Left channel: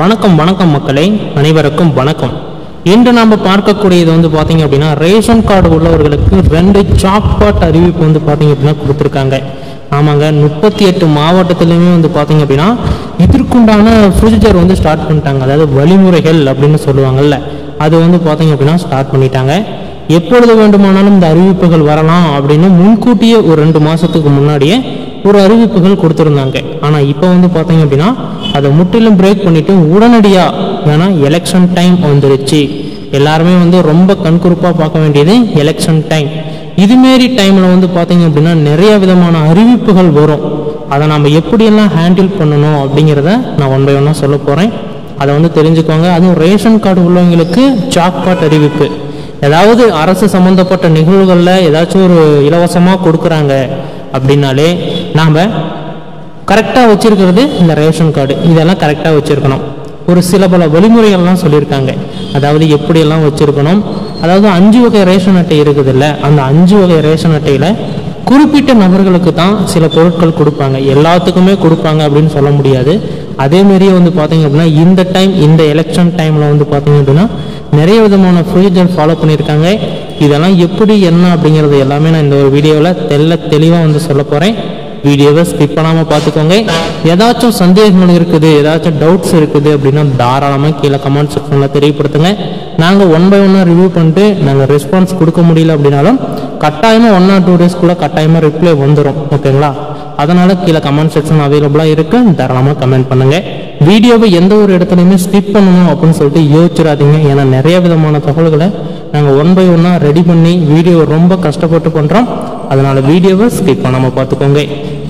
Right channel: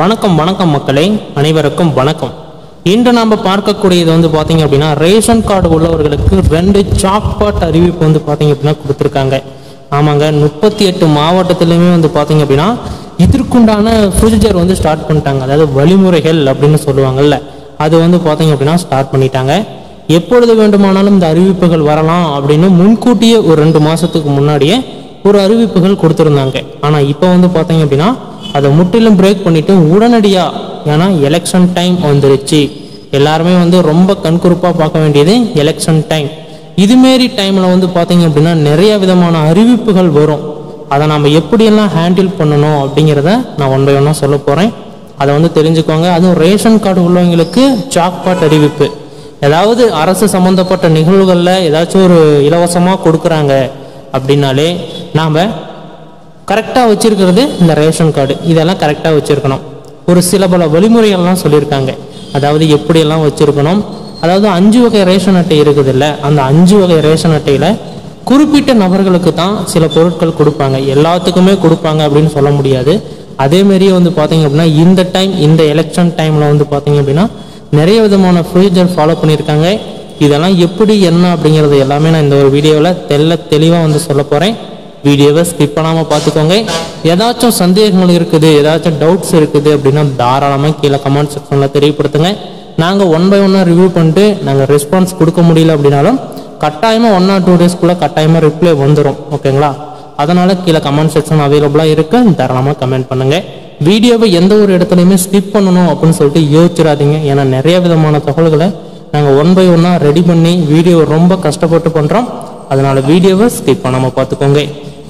வணக்கம் வணக்கம் மக்களே, அனைவருக்கும் வணக்கம். இன்று நாம பார்க்கக்கூடியது வந்து பாத்தீங்க அப்படின்னா ரேஷன் கார்டு உள்ளவர்களுக்கு 2 ஜாக்பாட் அறிவிப்பு வந்து பாத்தீங்க அப்படின்னா கொடுத்துருக்காங்க. ஆமாங்க, 38 மாவட்டத்திலுமே வந்து பாத்தீங்க அப்படின்னா இதற்குண்டான ப்ரொசீஜர் வந்து ஸ்டார்ட் பண்ணிட்டாங்க. அதாவது வழிமுறைகள் அப்படின்னு சொல்லுவாங்கல்ல, அது வந்து பாத்தீங்க அப்படின்னா ஸ்டார்ட் பண்ணிட்டாங்க. எப்பொழுது வேண்டுமானாலும் இந்த அறிவிப்புகள் வரலாம் அப்படின்னு முன்கூட்டியே ஒரு 2 மாசத்துக்கு முன்னாடியே ஒரு அறிவிப்புகள் கொடுத்துருந்தாங்க. ஆனா இப்போ வந்து பாத்தீங்க அப்படின்னா அதை முற்றிலும் பிரேக் பண்ணிட்டு உடனடியா, ஏன்னா எலெக்ஷன் டைம் வந்துருச்சு, எல்லாருமே வந்து ரொம்ப கண்குறிப்பா பார்க்க வேண்டியது எலெக்ஷன் டைம். இதுமாரி டைம்ல வந்து பாத்தீங்க அப்படின்னா நிறைய விதமான அறிவிப்புகள் வரும். அதை நம்ம எப்படியெல்லாம் ஹேண்டில் பண்ணணும் அப்படிங்கிறத நான் ஒன் பை ஒன்னா சொல்ல போறேன். அதை வந்து தெரிஞ்சுக்கோங்க. அதுவும் ரேஷன் கார்டு உள்ளவங்களுக்கு ஜாக்பாட் அறிவிப்பு, ஏதாவது அரசு சம்பந்தப்பட்ட நிகழ்வுகள்ல ஏதாச்சும் ஒரு இலவசமா கொடுக்குறாங்க அப்படின்னாலே நாம கரெக்டா வச்சிருக்கிறது இந்த ரேஷன் கார்டு. இதெல்லாம் கரெக்டா வச்சிருக்கணும். ஒரு சில பல வழிமுறைகள்லாம் சொல்லியிருக்காங்க. அதாவது எப்படியெல்லாம் வச்சிருக்கணும். அதாவது 5 வகை ரேஷன் அட்டை இருக்குது இல்ல, அந்த 5 வகை ரேஷன் அட்டையில குறிப்பிட்ட நபர்களுக்கு தான் சில பொருட்கள் கொடுப்பாங்க, எல்லாத்துக்குமே கொடுப்பாங்க அப்படின்னு சொல்ல முடியாது. அதே மாதிரியே வந்து பாத்தீங்க அப்படின்னா இந்த டைம், இந்த எலெக்ஷன் டைம்ல வந்து பாத்தீங்க அப்படின்னா நிறைய விதமான ப்ரொசீஜர் ஃபாலோ பண்ணியிருக்காங்க. இதெல்லாம் எப்படி என்ன அப்படிங்கறது எல்லாமே நான் இந்த ஒரு வீடியோவில் தெளிவா வந்து சொல்ல போறேன். வீடியோவை ஸ்கிப் பண்ணாம பார்த்துக்கோங்க. ஏதாச்சும் சந்தேகங்கள் இருக்குது, ஏதாச்சும் டவுட்ஸ் இருக்குது அப்படின்னா தாராளமாக கீழே கமெண்ட் செக்ஷன்ல தெரியப்படுத்துங்க. நாங்கள் 1 by 1 ரிவ்யூ பண்ணிட்டு நாங்கள் ரெஸ்பான்ஸ் கொடுக்க முடியல அப்படின்னாலும் கட்டாயமா 1 or 2 days கட்டாயமா ரிப்ளை வந்துடும். ஓகேங்களா? அதனால கீழே கமெண்ட் செக்ஷன் அவைலபிளா இருக்கு, தாராளமாக கமெண்ட் பண்ணுங்க. வீடியோவை எந்த ஒரு இடத்துலையுமே ஸ்கிப் பண்ணணும் அப்படின்னு சொல்லிட்டு யோசிச்சிடாதீங்க. ஏன்னா நிறைய விதமான தகவல்களை நாங்கள் 1 by 1 ரெடி பண்ணி வீடியோ ரொம்ப கஷ்டப்பட்டு பண்றோம். அதனால வீடியோவை ஸ்கிப் பண்ணாம பார்த்துக்கோங்க.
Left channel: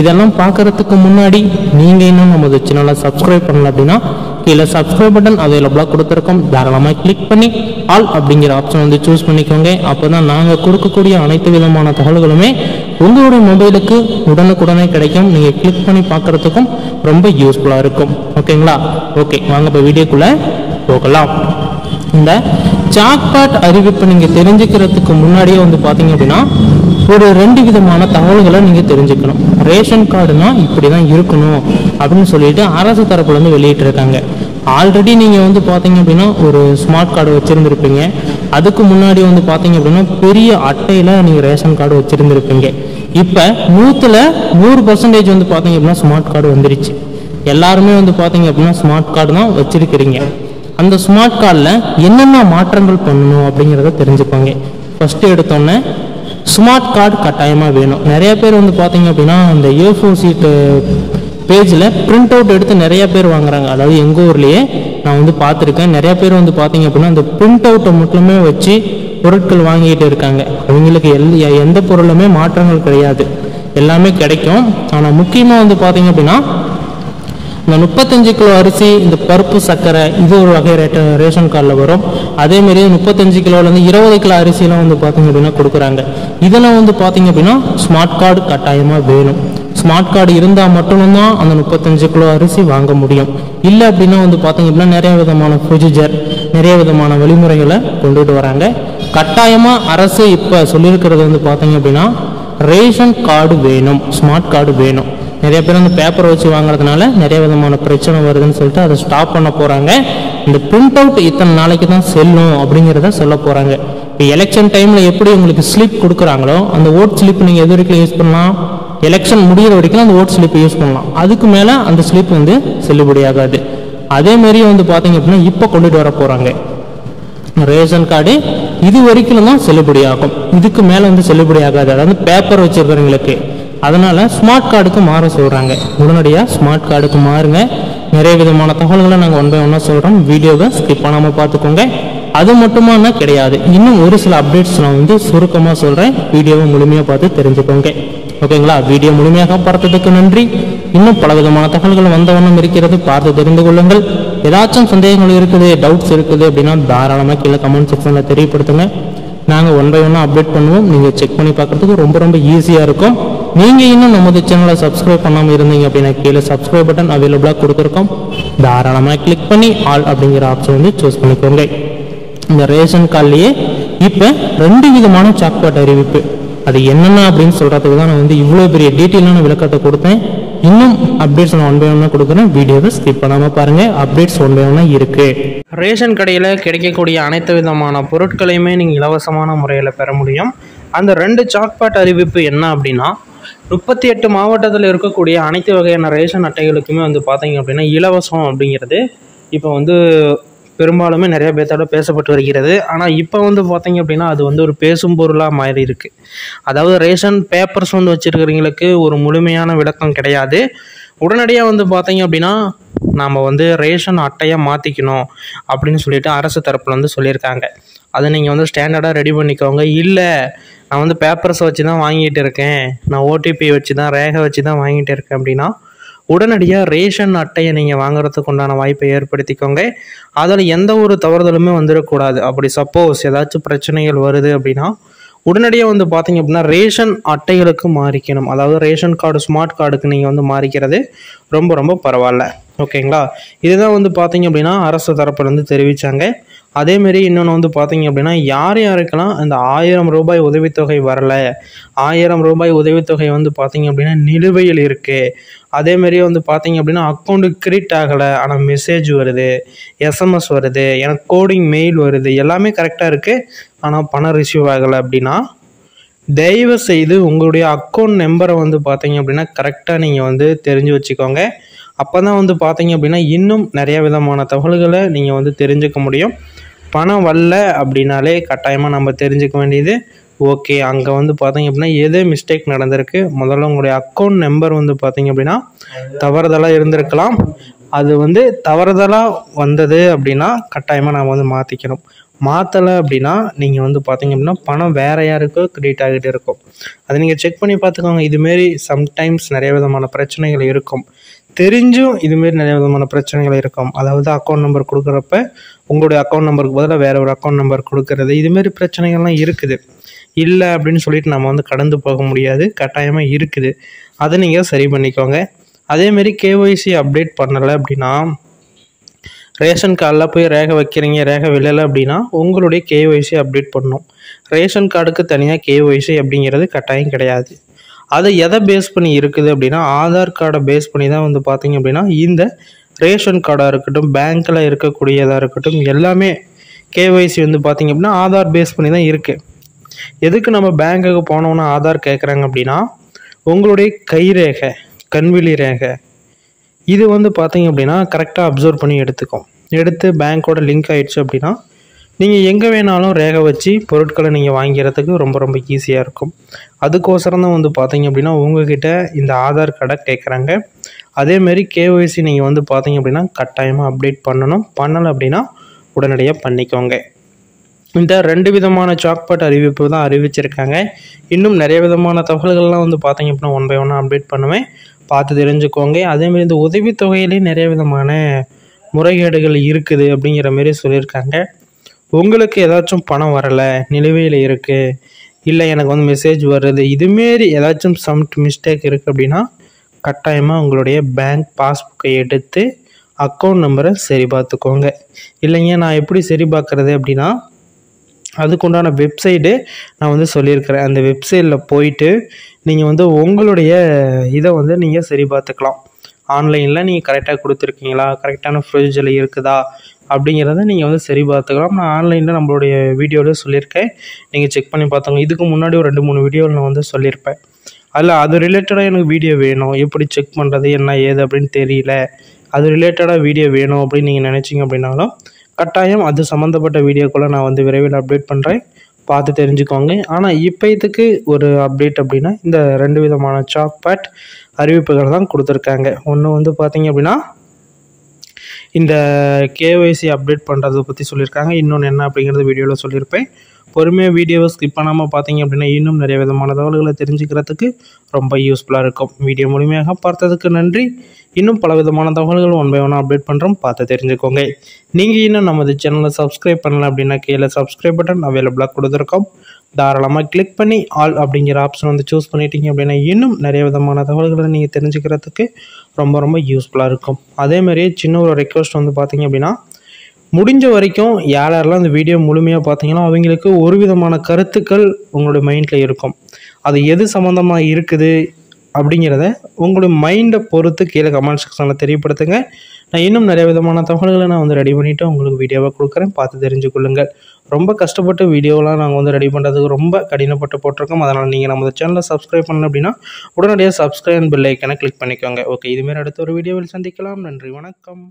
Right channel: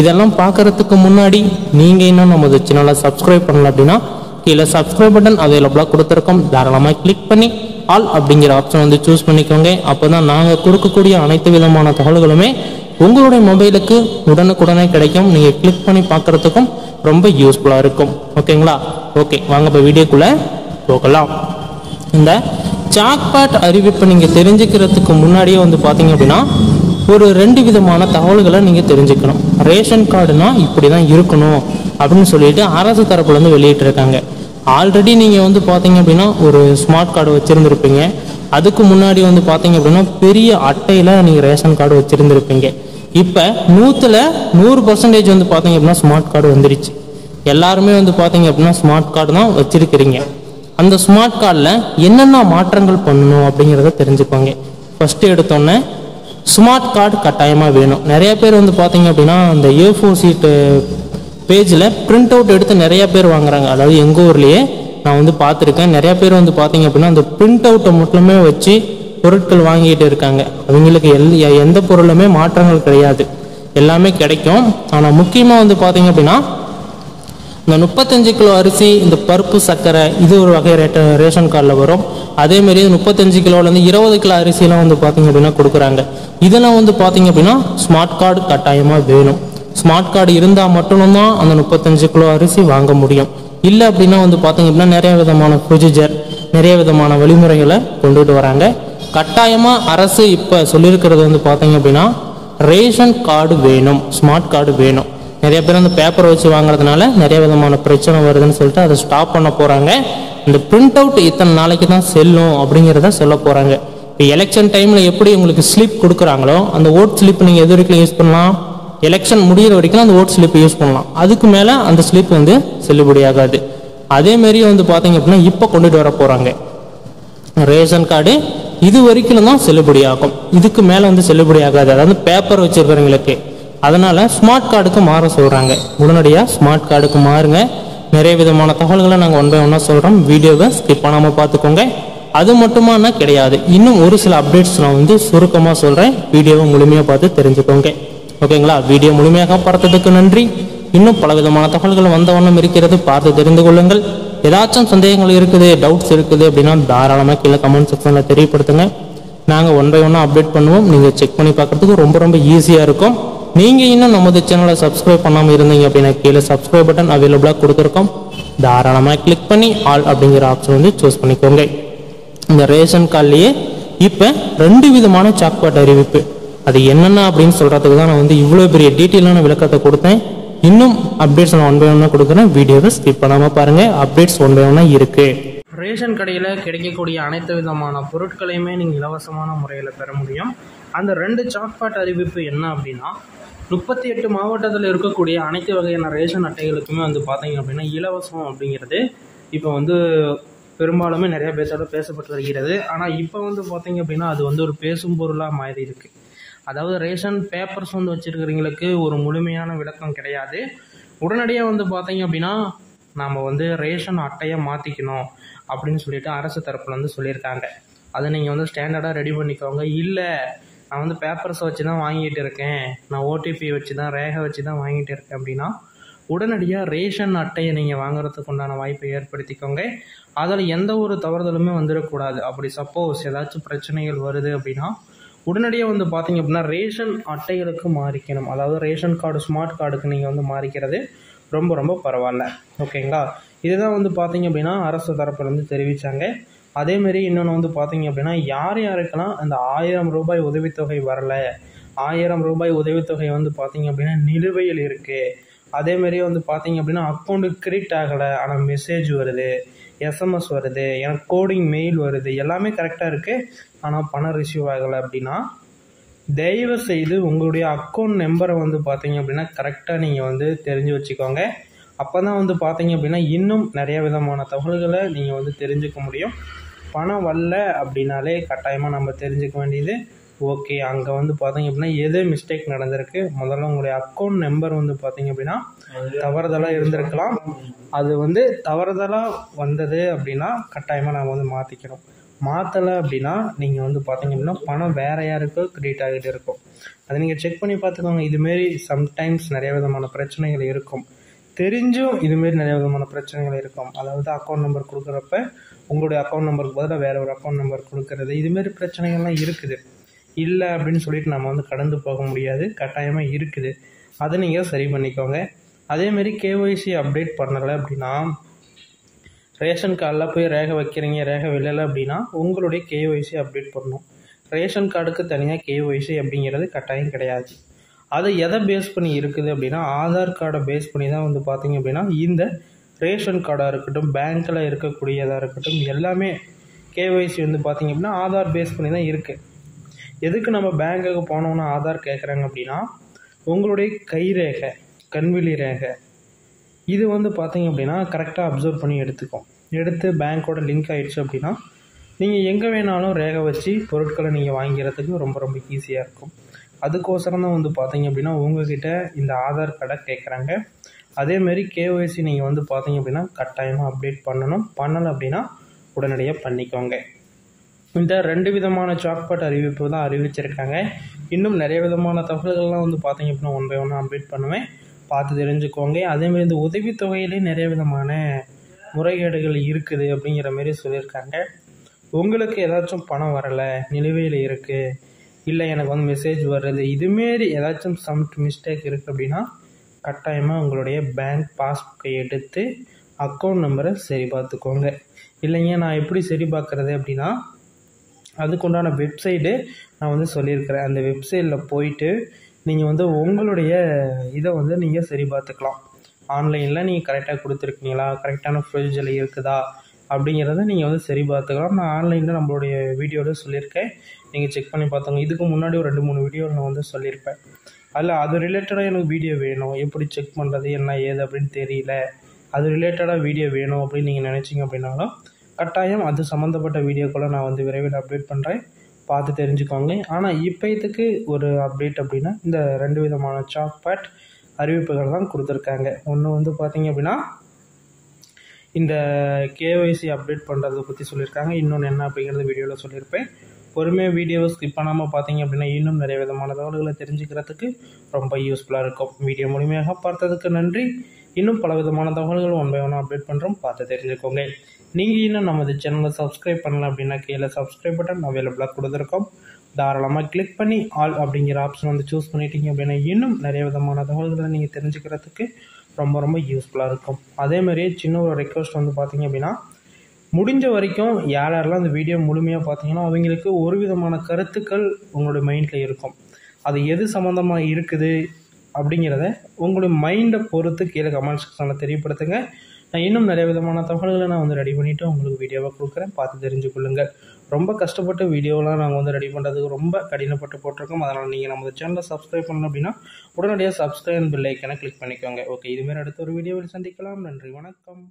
இதெல்லாம் பார்க்கறதுக்கு முன்னாடி நீங்க இன்னும் நமது சேனலை சப்ஸ்கிரைப் பண்ணல அப்படின்னா கீழே சப்ஸ்கிரைப் பட்டன் அவைலபிளா கொடுத்துருக்கோம், தாராளமா கிளிக் பண்ணி ஆல் அப்படிங்கிற ஆப்ஷன் வந்து சூஸ் பண்ணிக்கோங்க. அப்பதான் நாங்க கொடுக்கக்கூடிய அனைத்து விதமான தகவல்களுமே உங்களுடைய மொபைலுக்கு உடனுக்குடனே கிடைக்கும். நீங்க கிளிக் பண்ணி பார்க்கறதுக்கும் ரொம்ப யூஸ்ஃபுல்லா இருக்கும். ஓகேங்களா? ஓகே, வாங்க இப்ப வீடியோக்குள்ள போகலாம். இந்த ஜாக்பாட் அறிவிப்பு நீங்க தெரிஞ்சுக்கிறதுக்கு முன்னாடியே வந்து பாத்தீங்க அப்படின்னா ஒரு 2 விதமான தகவல்களை நீங்க தெரிஞ்சுக்கணும். ரேஷன் கார்டுனா இப்படிதான் இருக்கணும் அப்படின்னு சொல்லிட்டு அரசு தரப்புல இருந்து வெளியிட்டு இருக்காங்க. ஆல்ரெடி நீங்க வந்து பாத்தீங்க அப்படின்னா ஒரு ஸ்மார்ட் கார்டு வச்சிருந்திருப்பீங்க. அதுக்கு முன்னாடி வந்து பாத்தீங்க அப்படின்னா பெரிய அட்டையில நீங்க ரேஷன் கார்டு வச்சிருந்திருப்பீங்க. இப்ப 100% வந்து பாத்தீங்க அப்படின்னா ஸ்மார்ட் கார்டு வந்துருச்சு. எல்லாருமே வந்து பாத்தீங்க அப்படின்னா ஸ்மார்ட் கார்டு தான் வச்சிருக்கிறீங்க. அந்த ஸ்மார்ட் கார்டுல என்னென்ன மாற்றங்கள் பண்ணணும் அப்படிங்கிறத தெரிஞ்சுக்கோங்க. ஃபர்ஸ்ட் எடுத்தோன்னே ஸ்மார்ட் கார்டு கட்டாயமா வேணும். நிறைய பேர் வந்து பாத்தீங்க அப்படின்னா அந்த A4 சீட் பேஜ்ல பிரிண்ட் அவுட் எடுத்து நிறைய பேர் வாங்குறாங்க. அதாவது எங்க ஊர்லயே நான் வந்து பார்த்துருக்கேன். நிறைய பேர் வந்து பாத்தீங்க அப்படின்னா அந்த பிரிண்ட் அவுட்டை மட்டுமே வச்சு பொருட்கள் வாங்கிட்டு இருக்காங்க. அவங்களுக்கு எந்த பொருளுமே மாற்றங்கள் கிடையாது, எல்லாமே கிடைக்கும். ஆனா முக்கியமா வந்து பாத்தீங்க அப்படின்னா இந்த 35 கிலோ அரிசி, இந்த பருப்பு, சர்க்கரை, இது ஒரு வகை ரேஷன் கார்டில் வரும். அதே மாதிரி 35 கிலோலேருந்து 20 கிலோ அரிசிலாம் வந்து பார்த்தீங்க அப்படின்னா கொடுக்குறாங்க. இதெல்லாம் வந்து பார்த்தீங்க அப்படின்னா ஸ்மார்ட் கார்டு கட்டாயமாக வேணும். ஸ்மார்ட் கார்டு இருந்தால் மட்டும்தான் அந்த 35 கிலோ அரிசி வாங்க முடியும். இல்லை அப்படின்னா வந்து பார்த்தீங்க அப்படின்னா நிறைய விதமான ப்ரொசீஜர், நிறைய விதமான வழிமுறைகளை கொண்டுட்டு வராங்க. கட்டாயமாக அரசு இப்போ சொல்லியிருக்கிறது வந்து பார்த்தீங்க அப்படின்னா ரேஷன் கார்டு வேணும், ஸ்மார்ட் கார்டு வேணும். நிறைய பேர் அந்த பேப்பர் வச்சு வாங்குறதுனால நிறைய விதமான பிரச்சனை வருதுன்னு சொல்லிட்டு அதை ஸ்டாப் பண்ண போறாங்க. இந்த பிரிண்ட் அவுட் இத்தனை நாளைக்கு தான் செல்லும் அப்படிங்கிறத சொல்ல போறாங்க. இப்போ எலெக்ஷன் டைம்ல எப்படி உங்களுக்கு ஸ்லிப் கொடுக்குறாங்களோ அந்த ஓட் ஸ்லிப் நீங்க எது வரைக்கும் யூஸ் பண்ணலாம், எலெக்ஷன் முடிகிற வரைக்கும் அந்த ஓட் ஸ்லிப் யூஸ் பண்ணலாம். அதுக்கு மேல அந்த ஸ்லிப் வந்து செல்லுபடி ஆகாது. அதே மாதிரி வந்து பாத்தீங்க அப்படின்னா இப்ப கொண்டுட்டு வர போறாங்க ரேஷன் கார்டு இது வரைக்கும் தான் செல்லுபடி ஆகும், இதுக்கு மேல வந்து செல்லுபடி ஆகாது. அதாவது பேப்பர் வச்சிருக்கிறவங்களுக்கு. அதனால ஸ்மார்ட் கார்டுக்கு மாற சொல்றாங்க. உடனடியா ஸ்மார்ட் கார்டுக்கு மாறுங்க. நிறைய விதமான தகவல்களை நாங்கள் 1 by 1 சொல்றோம். வீடியோவை ஸ்கிப் பண்ணாம பார்த்துக்கோங்க. அது மட்டுமான கிடையாது, இன்னும் ஒரு சில அப்டேட்ஸ் நான் வந்து சுருக்கமா சொல்றேன். வீடியோவை முழுமையா பார்த்து தெரிஞ்சுக்கோங்க. ஓகேங்களா? வீடியோ முழுமையாக பார்த்ததுக்கு நன்றி. இன்னும் பல விதமான தகவல்கள் வந்த வண்ணம் இருக்கிறது, பார்த்து தெரிந்து கொள்ளுங்கள். ஏதாச்சும் சந்தேகங்கள் இருக்குது, டவுட்ஸ் இருக்குது அப்படின்னா தாராளமாக கீழே கமெண்ட் செக்ஷன்ல தெரியப்படுத்துங்க. நாங்கள் 1 by 1 அப்டேட் பண்ணுவோம். நீங்க செக் பண்ணி பார்க்கறதுக்கு ரொம்ப ஈஸியா இருக்கும். நீங்க இன்னும் நமது சேனலை சப்ஸ்கிரைப் பண்ணாம இருந்தீங்க அப்படின்னா கீழே சப்ஸ்கிரைப் பட்டன் அவைலபிளா கொடுத்துருக்கோம், தாராளமா கிளிக் பண்ணி ஆல் அப்படிங்கிற ஆப்ஷன் வந்து சூஸ் பண்ணிக்கோங்க. இந்த ரேஷன் கார்டுலயே இப்ப 2 விதமான ஜாக்பாட் அறிவிப்பு, அது என்னென்ன அப்படின்னு சொல்றதுக்கு தான் நான் வந்து இவ்வளவு பெரிய டீட்டெயிலான விளக்கத்தை கொடுத்தேன். இன்னும் அப்டேட்ஸ் நான் ஒன் பை ஒன்னாக கொடுக்குறேன். வீடியோவை ஸ்கிப் பண்ணாமல் பாருங்கள். அப்டேட்ஸ் ஒன் பை ஒன்னாக இருக்குது. ரேஷன் கடையில் கிடைக்கக்கூடிய அனைத்து விதமான பொருட்களையுமே நீங்கள் இலவசமான முறையில் பெற முடியும். அந்த 2 சாக்பாட் அறிவிப்பு என்ன அப்படின்னா, 38 மாவட்டத்தில் இருக்கக்கூடிய அனைத்து வகையான ரேஷன் அட்டைகளுக்குமே வந்து பார்த்தீங்க அப்படின்னா இலவசம் அப்படிங்கிறது இப்போ வந்து பெரும்பாலுமே நிறைய பேர்த்தோட பேசப்பட்டு வருகிறது. ஆனால் இப்போ வந்து பார்த்தீங்க அப்படின்னா அது வந்து ஒரு பேசும் பொருளாக மாறி இருக்குது. அதாவது ரேஷன் பேப்பர்ஸ் வந்து வச்சுருக்கிறவங்களுக்கு ஒரு முழுமையான விளக்கம் கிடையாது. உடனடியாக வந்து பார்த்தீங்க அப்படின்னா நாம் வந்து ரேஷன் அட்டையை மாற்றிக்கணும் அப்படின்னு சொல்லிட்டு அரசு தரப்பில் வந்து சொல்லியிருக்காங்க. அதை நீங்கள் வந்து ஸ்டாண்டர்டாக ரெடி பண்ணிக்கோங்க. இல்லை நான் வந்து பேப்பர்ஸை வச்சு தான் வாங்கிட்டு இருக்கேன், நான் ஓடிபி வச்சு தான் ரேகை வச்சு தான் வாங்கிட்டு இருக்கேன் அப்படின்னா உடனடியாக ரேஷன் அட்டையை நீங்கள் வாங்குறதுக்கு உண்டான வாய்ப்பை ஏற்படுத்திக்கோங்க. அதில் எந்த ஒரு தவறுதலுமே வந்துடக்கூடாது. அப்படி சப்போஸ் ஏதாச்சும் பிரச்சனைகள் வருது அப்படின்னா உடனடியாக வந்து பார்த்தீங்க அப்படின்னா ரேஷன் அட்டைகளுக்கு மாறிக்கணும். அதாவது ரேஷன் கார்டு ஸ்மார்ட் கார்டுக்கு நீங்கள் வந்து மாறிக்கிறது ரொம்ப ரொம்ப பரவாயில்ல. ஓகேங்களா? இதுதான் வந்து பார்த்தீங்க அப்படின்னா அரசு தரப்புலேருந்து தெரிவித்தாங்க. அதேமாரி இன்னொன்று வந்து பார்த்தீங்க அப்படின்னா யார் யாருக்கெல்லாம் அந்த 1000 ரூபாய் உதவித்தொகை வரலை, 1000 ரூபாய் உதவித்தொகை வந்து பார்த்தீங்க அப்படின்னா நிலுவையில் இருக்குது, அதேமாரி வந்து பார்த்தீங்க அப்படின்னா அக்கௌண்ட்டுக்கு கிரெடிட் ஆகலை ஆனால் மெசேஜ் வருது, எஸ்எம்எஸ் வருது, எனக்கு கோடிங் மெயில் வருது, எல்லாமே கரெக்டாக இருக்குது ஆனால் பணம் ரிசீவ் ஆகலை அப்படின்னா தயவு செய்து உங்களுடைய அக்கௌண்ட் நம்பரை வந்து பார்த்தீங்க அப்படின்னா கரெக்டாக நீங்கள் வந்து தெரிஞ்சு வச்சுக்கோங்க. அப்போ தான் வந்து பார்த்தீங்க அப்படின்னா இன்னும் நிறைய விதமான தகவல்களை நீங்கள் வந்து தெரிஞ்சுக்க முடியும். பணம் வரல அப்படின்னாலே கட்டாயமாக நம்ம தெரிஞ்சுக்க வேண்டியது ஓகே அங்கே வந்து பார்த்தீங்க அப்படின்னா எது மிஸ்டேக் நடந்திருக்கு. முதல்ல உங்களுடைய அக்கௌண்ட் நம்பர் வந்து பார்த்தீங்க அப்படின்னா தவறுதலாக இருந்திருக்கலாம். அது வந்து தவறுதலாக வந்தது அப்படின்னா கட்டாயமாக நாம் வந்து மாற்றிக்கணும். மாற்றலை அப்படின்னா நீங்கள் வந்து பார்த்தீங்க அப்படின்னா பணம் வேறு யாருக்கோ கிரெடிட் ஆகிட்டு இருக்கும். அதை நீங்கள் செக் பண்ணி பார்த்துக்கோங்க. இதுமாரி சம்டைம்ஸ் நிறைய விதமான பிரச்சனைகள் இருக்கும். தெரிஞ்சும் இதுமாரி நிறைய விதமான பிரச்சனைகள் இருக்கும். அதாவது அக்கௌண்ட் நம்பர் கொடுக்குறப்ப உங்களுடைய அக்கௌண்ட் நம்பருக்கு பதிலாக வேறு ஒரு அக்கௌண்ட் நம்பர் கொடுக்கறது, இதுமாரி பிரச்சனைகள்லாம் இருக்குது. இல்லை அப்படின்னு சொல்லிட்டு நம்ம வந்து கடந்து போக முடியாது, கட்டாயமாக இருக்குது. அதை நீங்கள் சரி பண்ணிக்கோங்க. அதேமாரி கேஒய்சி அப்டேட் பண்ணலை அப்படின்னா ரேஷன் கார்டில் போய் ரேகை வைக்கிறீங்க, ரேகை விழலை அப்படின்னா உங்களுடைய கேஒய்சி அப்டேட் பண்ணணும். ரேஷன் கார்டுக்கு தனியாக கேஒய்சி அப்படிங்கிறது கட்டாயம் கிடையாது. அதை எதை பேஸ் பண்ணி இருக்குது அப்படின்னா ஆதார் கார்டை பேஸ் பண்ணி தான் வந்து பார்த்தீங்க அப்படின்னா இந்த ரேஷன் கார்டாக இருக்கட்டும், பேங்க்கில் இருக்கக்கூடியதாக இருக்கட்டும், எல்லாமே கேஒய்சி வந்து பார்த்தீங்க அப்படின்னா ஆதார் பேஸ் பண்ணி தான் இருக்குது. எதுக்கு நம்ம பேங்க்குக்கு போனோன்னா ஆதார் கேட்குறாங்க அப்படின்னா உங்களுடைய கைரேகை, கண்விழி ரேகை இது வந்து பார்த்தீங்க அப்படின்னா கரெக்டாக அப்சர்வ் பண்ணி எடுத்து பேங்க்கோட லிங்க் ஆகிடுச்சு அப்படின்னா நீங்கள் எங்கே வேணாலும் ரேகை வச்சு பொருட்களை நீங்கள் வாங்கிறதுக்கு ரொம்ப ரொம்ப ஈஸியாக இருக்கும். அதுக்கோசரம் தான் வந்து பார்த்தீங்க அப்படின்னா உங்கள்கிட்ட இந்த ஆதார் கார்டை கேட்குறாங்க. அதேமாரி கேஒய்சி நீங்கள் வந்து பார்த்தீங்க அப்படின்னா கட்டாயமாக அப்டேட் பண்ணணும். பண்ணலை அப்படின்னா உடனடியாக பண்ணிக்கோங்க. இந்த 2 விதமான சாக்பாட் அறிவிப்பு தான் அறிவிச்சிருக்காங்க. இன்னும் நிறைய விதமான தகவல்கள்லாம் வந்து பார்த்தீங்க அப்படின்னா ஒன் பை ஒன்னாக அப்டேட் பண்ணுவேன், பார்த்து தெரிஞ்சுக்கோங்க. அதேமாரி இந்த உதவித்தொகையிலே நிறைய விதமான முறைகேடுகள் இருக்குது அப்படிங்கிற மாரி சொல்லியிருக்காங்க. உங்களுக்கு ஏதாச்சும் பணம் வரலை, நிலுவையில் இருக்குது, இல்லை எனக்கு வந்து மெசேஜ் வருது, இதுமாரி ஏதாச்சும் மிஸ்டேக் இருக்குது அப்படின்னா கட்டாயமாக உங்களுடைய பேங்க் பாஸ்புக்கை எடுத்து அக்கௌண்ட் நம்பரை சரி பார்த்துக்கோங்க. இல்லைங்க நான் எப்படி சரி பார்க்குறது அப்படின்னா அதுக்குண்டான வெப்சைட்டு நான் வந்து சொல்லியிருக்கிறேன். அந்த வெப்சைட்டில் போயிட்டு நீங்கள் வந்து உங்களுடைய இதை வந்து நீங்கள் சரி பார்த்துக்கலாம். ஆன்லைனில் நீங்கள் கரெக்டாக கொடுத்துருக்கீங்களா, கரெக்டான ப்ரொசீஜரில் இருக்குதா அப்படிங்கிறத நீங்கள் வந்து சரி பார்த்துக்கலாம். நான் ஆன்லைனில் நம்மளுடைய வீடியோவில் சொல்லியிருக்கேன், நீங்கள் செக் பண்ணி பார்த்தோங்க. இதுக்கு முன்னாடி ஒரு 2-3 வீடியோவில் நான் வந்து சொல்லியிருப்பேன். அதில் அது ரிலேட்டடாக எனக்கு வீடியோ வேணும், எப்படி செக் பண்ணுறது என்ன ஏது அப்படின்னு தெரியல, அது ரிலேட்டடாக வீடியோ வேணும் அப்படின்னு நீங்கள் நினச்சிங்க அப்படின்னாலும் கட்டாயம் அது சம்மந்தப்பட்ட வீடியோக்குள்ளே நான் வந்து விரைவில் அப்டேட் பண்ணுறேன், பார்த்து தெரிஞ்சுக்கோங்க. ஆனால் இப்போத்துக்கு ஒரு அப்டேட் அப்படின்னா இந்த 2 விதமான சாக்பாட் அறிவிப்புகள் தான் கொடுத்துருக்காங்க. ஒன்று வந்து பார்த்தீங்க அப்படின்னா இந்த கேஒய்சி அப்டேட் பண்ணுறதை பற்றி சொல்லியிருக்காங்க. இன்னொன்று என்ன அப்படிங்கிறது வீடியோவில் சொல்லியிருப்பேன். பொறுமையாக வீடியோவை ஸ்கிப் பண்ணாமல் பார்த்தீங்க அப்படின்னா இன்னும் நிறைய விதமான தகவல்களை தெரிஞ்சுக்கிறதுக்கு ரொம்ப யூஸ்ஃபுல்லாக இருக்கும். வீடியோ முழுமையாக பார்த்ததுக்கு நன்றி. இன்னும் பல விதமான தகவல்கள் ஒன் பை ஒன்னாக அப்டேட் பண்ணுறோம், பார்த்து தெரிஞ்சுக்கோங்க. நீங்கள் இன்னும் நமது சேனலை சப்ஸ்கிரைப் பண்ணல அப்படின்னா கீழே சப்ஸ்கிரைப் பட்டன் அவைலபிளாக கொடுத்துருக்கோம். தாராளமாக கிளிக் பண்ணி ஆல் அப்படிங்கிற ஆப்ஷன் வந்து சூஸ் பண்ணிட்டீங்க அப்படின்னா இன்னும் நிறைய விதமான தகவல்களை நீங்கள் தெரிஞ்சுக்கிறதுக்கு ரொம்ப ரொம்ப யூஸ்ஃபுல்லாக இருக்கும். அதேமாதிரி சின்ன ஒரு ரெக்வஸ்ட் வந்து பார்த்தீங்க அப்படின்னா முடிஞ்ச வரைக்கும் யாரெல்லாம் இந்த வீடியோ முழுமையாக பார்த்தீங்கன்னா அவங்களுக்கு ஒரு விதமான கருத்துக்கள் உங்களுடைய மைண்டில் இருக்கும். அது எது சம்மந்தமாக இருக்குது அப்படிங்கிறத உங்களுடைய மைண்டை பொறுத்து கீழே கமெண்ட் செக்ஷனில் தெரியப்படுத்துங்க. நான் இன்னும் நிறைய விதமான தகவல்களை நான் ரெடி பண்ணிவிட்டு உங்களுக்கு வீடியோவாக கொடுக்குறேன், பார்த்து தெரிஞ்சுக்கொள்ளுங்கள். ரொம்ப கஷ்டப்பட்டு வீடியோலாம் நாங்கள் ரெடி பண்ணுறதுக்கு ரொம்ப கடினப்பட்டு போட்டிருக்கோம். அதனால் நீங்கள் நம்ம சேனலை சப்ஸ்கிரைப் பண்ணணும் அப்படின்னா உடனடியாக சப்ஸ்கிரைப் பெல் ஐக்கனை கிளிக் பண்ணிக்கோங்க. ஓகே, இதுமாரி அடுத்த ஒரு வீடியோவில் சந்திக்கலாம். நன்றி, வணக்கம்.